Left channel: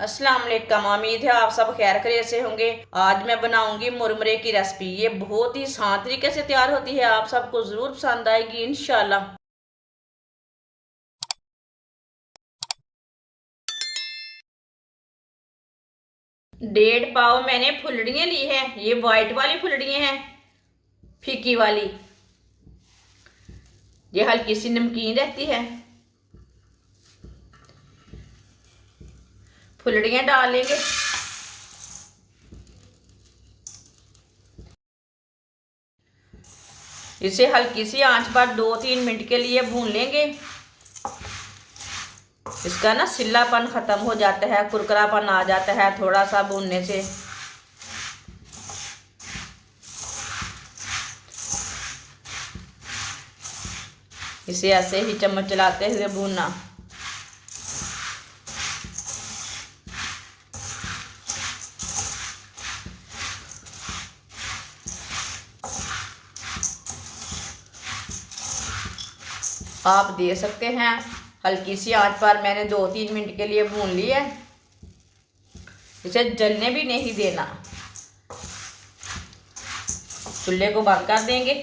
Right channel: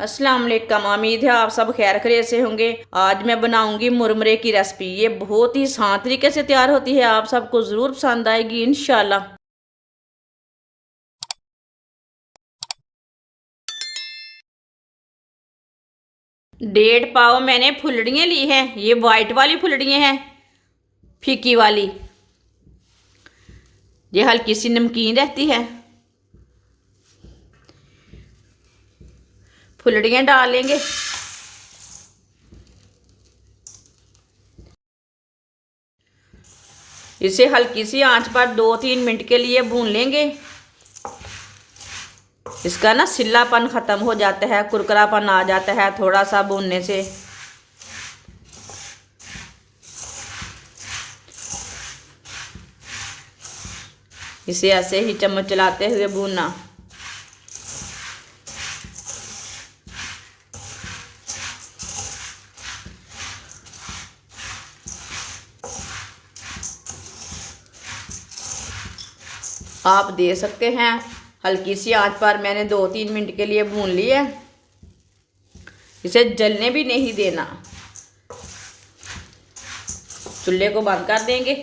अस्सलाम वालेकुम। उम्मीद है आप सब खैर खैरियत से होंगे। आज मैं बनाऊंगी मुरमुरे की रेसिपी। ये बहुत ही आसान तरीके से तैयार होती है, आप सबको ज़रूर पसंद आएगी इंशाल्लाह। 1.5 पाव मैंने फुलड़ियाँ ली हैं। ये वाइट वाली फुलड़ियाँ हैं, फीकी वाली। ये हल्की सी नमकीन रहती है। फुलड़ियाँ डाल लेंगे। इसे हल्की सी आंच पर 2-3 मिनट के लिए भून लेंगे। इसका ना सिल्लापन ख़त्म हो जाता है, कुरकुरापन आ जाता है थोड़ा सा भूनने से। इसे ऐसे ही चम्मच चलाते हुए भूनना। आप दे सकते हैं हल्की सी आंच पर। मैंने 2-3 मिनट के लिए भून लिया। इसे जलने भी नहीं देना। चूल्हे को बंद कर देंगे।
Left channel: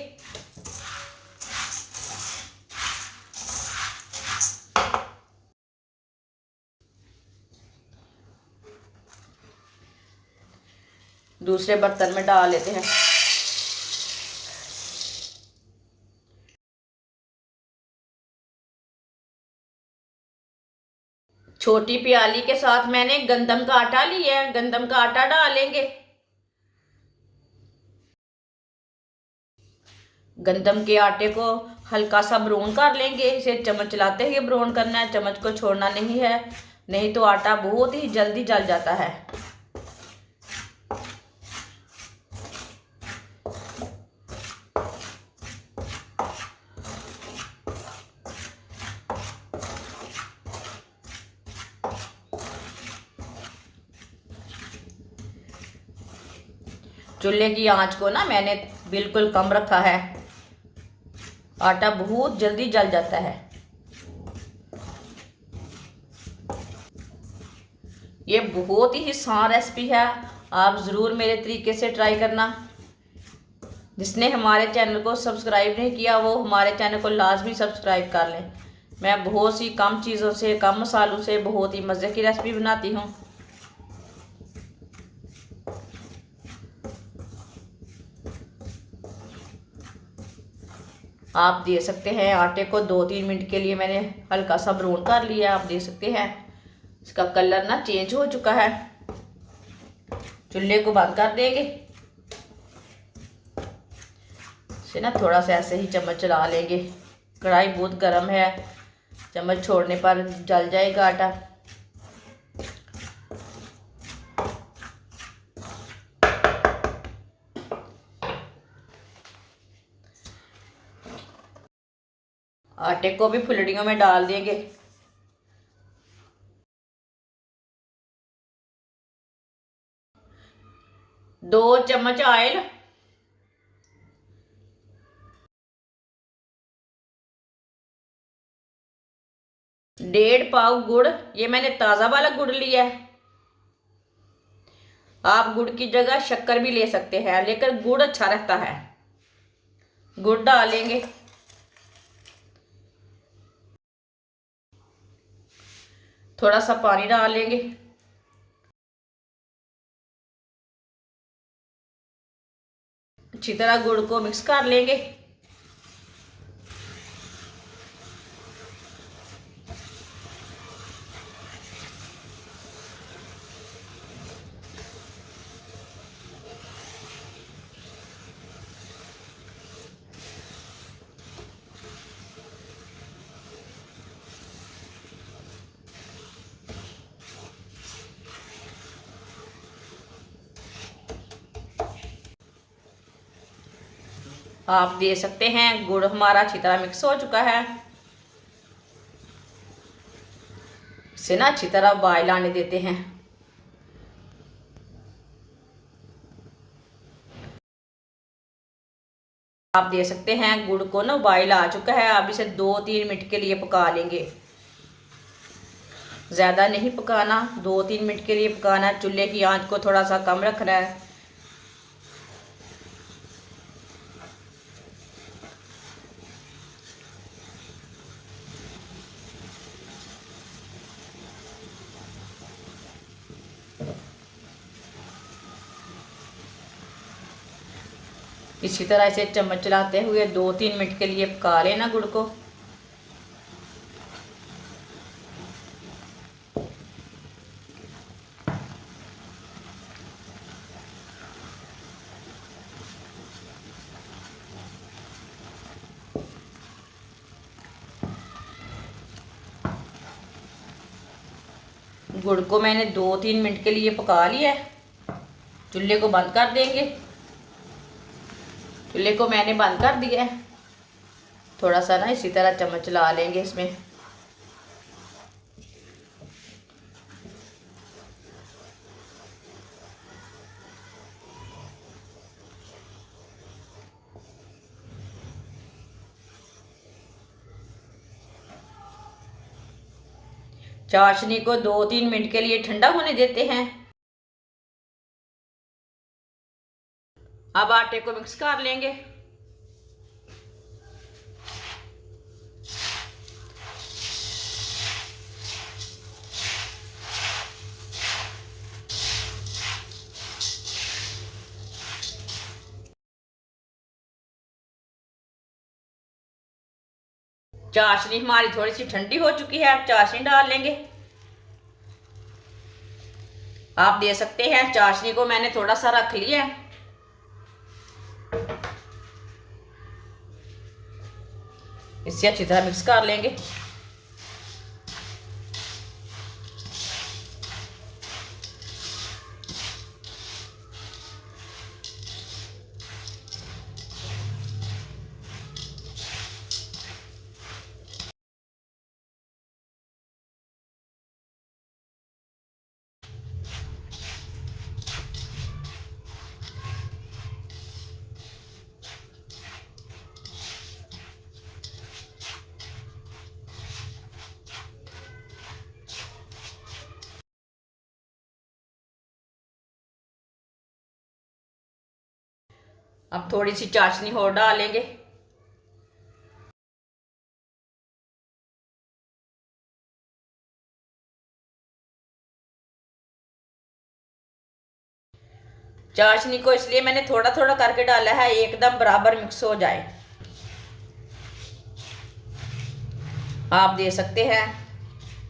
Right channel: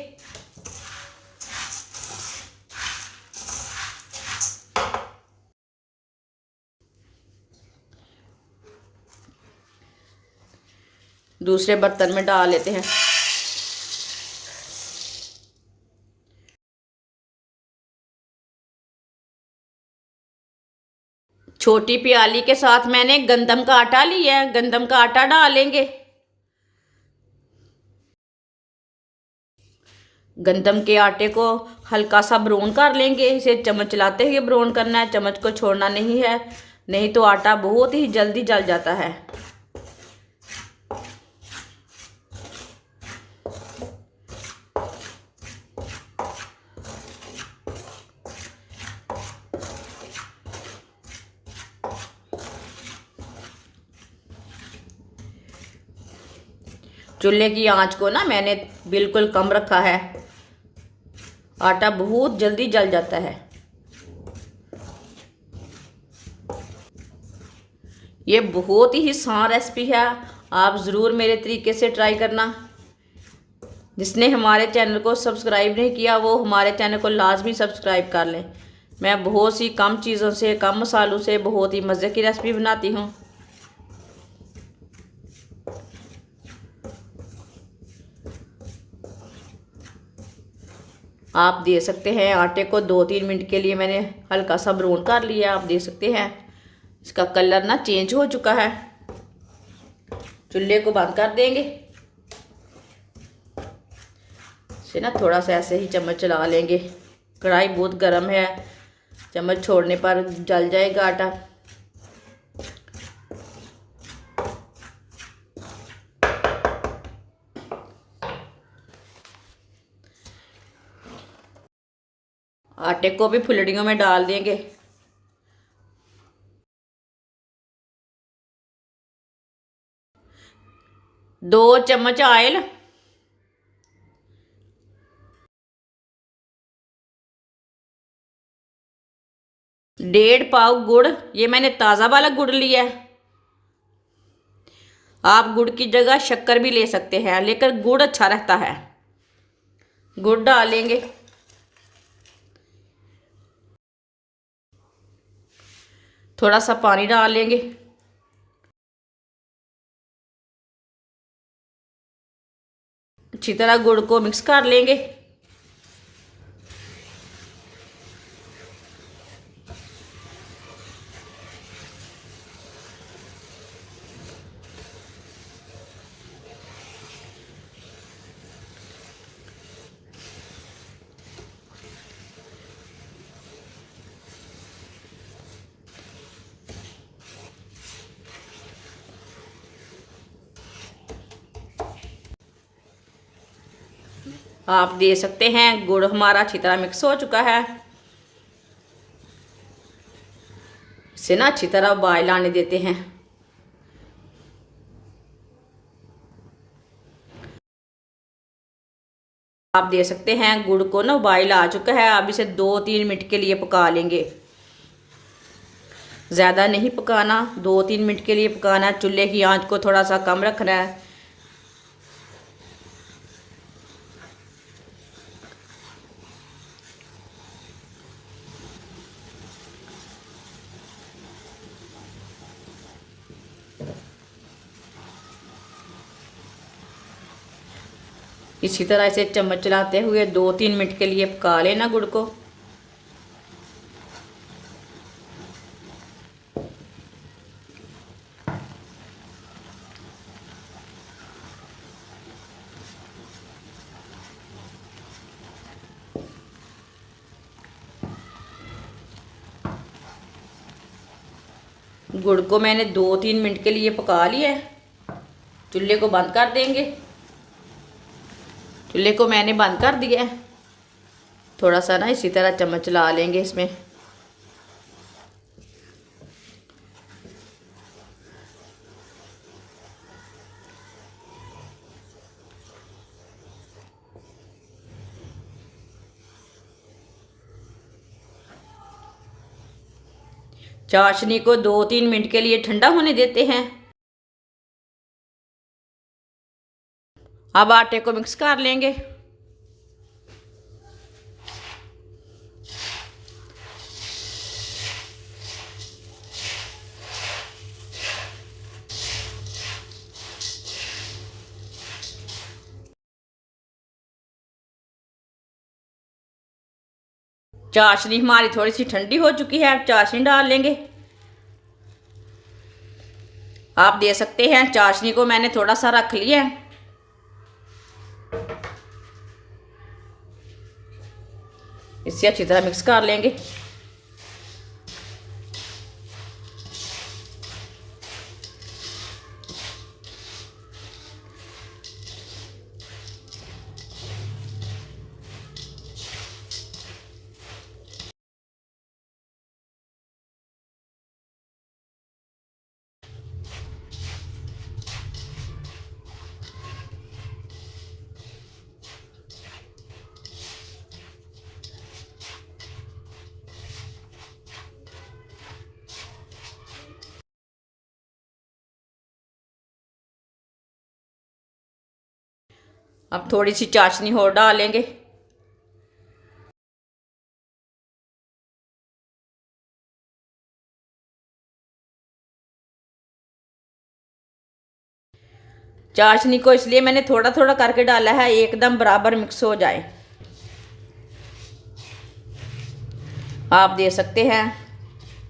दूसरे बर्तन में डाल लेते हैं। छोटी प्याली के साथ मैंने गंदम का आटा लिया है। गंदम का आटा डालेंगे। गंदम के आटे को हल्का सा ब्राउन कर लेंगे। इसे चम्मच चलाते हुए ब्राउन करना है, चम्मच को छोड़ना नहीं है, नहीं तो आटा बहुत ही जल्दी जल जाता है। चूल्हे की आंच को ना मैंने बिल्कुल कम रखा है। आटा बहुत जल्दी जल जाता है। ये बहुत ही आसान रेसिपी है, आप ज़रूर मेरे तरीके से ट्राई करना। जिसने हमारे चैनल को सब्सक्राइब नहीं किया वो हमारे चैनल को लाजमी सब्सक्राइब कर लें। मैं बहुत सी कम चीज़ों से, कम मसालों से बहुत ही मज़े की रेसिपी बनाती हूँ। आप दे सकते हैं आटे को 2-3 मिनट के लिए मैंने हल्का सा ब्राउन कर लिया। आप देख सकते हैं इसका कलर ना चेंज हो चुका है। चूल्हे को बंद कर देंगे। इसे ना थोड़ा सा ऐसे ही चम्मच चला लेंगे। कढ़ाई बहुत गर्म है, चम्मच छोड़ने पर जल जाएगा आटा। आटे को भी फुलड़ियों में डाल देंगे। दो चम्मच ऑयल, 1.5 पाव गुड़। ये मैंने ताज़ा वाला गुड़ लिया है। आप गुड़ की जगह शक्कर भी ले सकते हैं, लेकिन गुड़ अच्छा रहता है। गुड़ डालेंगे। थोड़ा सा पानी डाल लेंगे। अच्छी तरह गुड़ को मिक्स कर लेंगे। आप दे सकते हैं गुड़ हमारा अच्छी तरह मिक्स हो चुका है। इसे ना अच्छी तरह बॉयल आने देते हैं। आप दे सकते हैं गुड़ को ना बॉयल आ चुका है। अब इसे 2-3 मिनट के लिए पका लेंगे। ज़्यादा नहीं पकाना, 2-3 मिनट के लिए पकाना है। चूल्हे की आंच को थोड़ा सा कम रखना है। इसी तरह से चम्मच चलाते हुए 2-3 मिनट के लिए पका लेना गुड़ को। गुड़ को मैंने 2-3 मिनट के लिए पका लिया है। चूल्हे को बंद कर देंगे। चूल्हे को मैंने बंद कर दिया है। थोड़ा सा ना इसी तरह चम्मच चला लेंगे इसमें। चाशनी को 2-3 मिनट के लिए ठंडा होने देते हैं। अब आटे को मिक्स कर लेंगे। चाशनी हमारी थोड़ी सी ठंडी हो चुकी है। अब चाशनी डाल लेंगे। आप दे सकते हैं, चाशनी को मैंने थोड़ा सा रख लिया है। इसे अच्छी तरह मिक्स कर लेंगे। अब थोड़ी सी चाशनी और डालेंगे। चाशनी को इसलिए मैंने थोड़ा थोड़ा करके डाला है, एकदम बराबर मिक्स हो जाए। आप दे सकते हैं,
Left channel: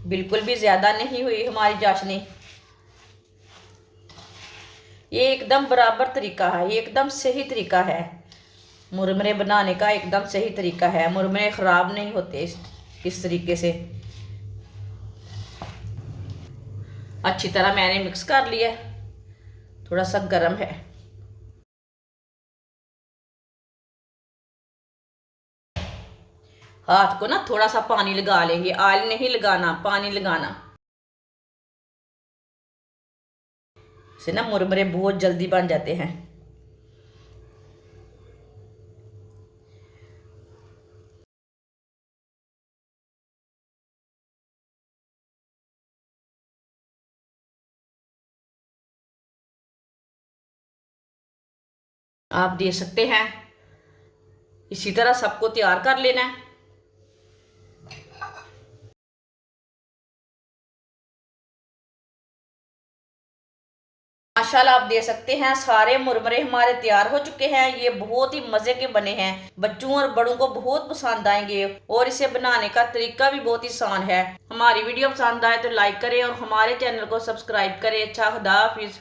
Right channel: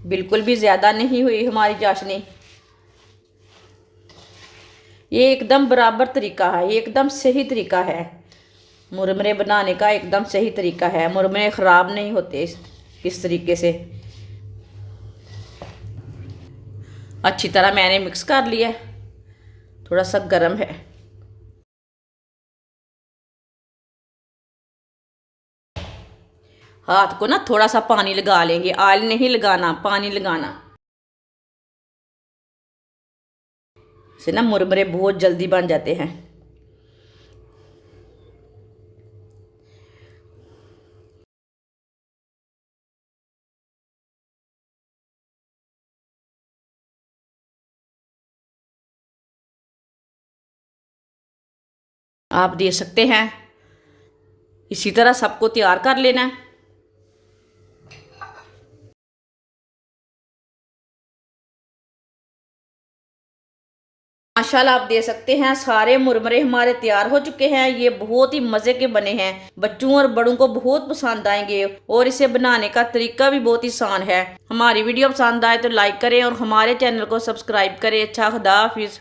बिल्कुल भी ज़्यादा नहीं हुई हमारी चाशनी। ये एकदम बराबर तरीका है, एकदम सही तरीका है। मुरमुरे बनाने का एकदम सही तरीका है। मुरमुरे ख़राब नहीं होते इस तरीके से। अच्छी तरह मैंने मिक्स कर लिया। थोड़ा सा गर्म है। हाथ को ना थोड़ा सा पानी लगा लेंगे। ऑयल नहीं लगाना, पानी लगाना। से ना मुरमुरे बहुत जल्दी बन जाते हैं। आप दे सकते हैं, इसी तरह सबको तैयार कर लेना है। माशाल्लाह आप दे सकते हैं, सारे मुरमुरे हमारे तैयार हो चुके हैं। ये बहुत ही मज़े के बने हैं। बच्चों और बड़ों को बहुत पसंद आएंगे और इसे बनाने का तरीका भी बहुत ही आसान है। हमारी वीडियो पसंद आए तो लाइक करें और हमारे चैनल को सब्सक्राइब करें। अच्छा, खुदा हाफिज़।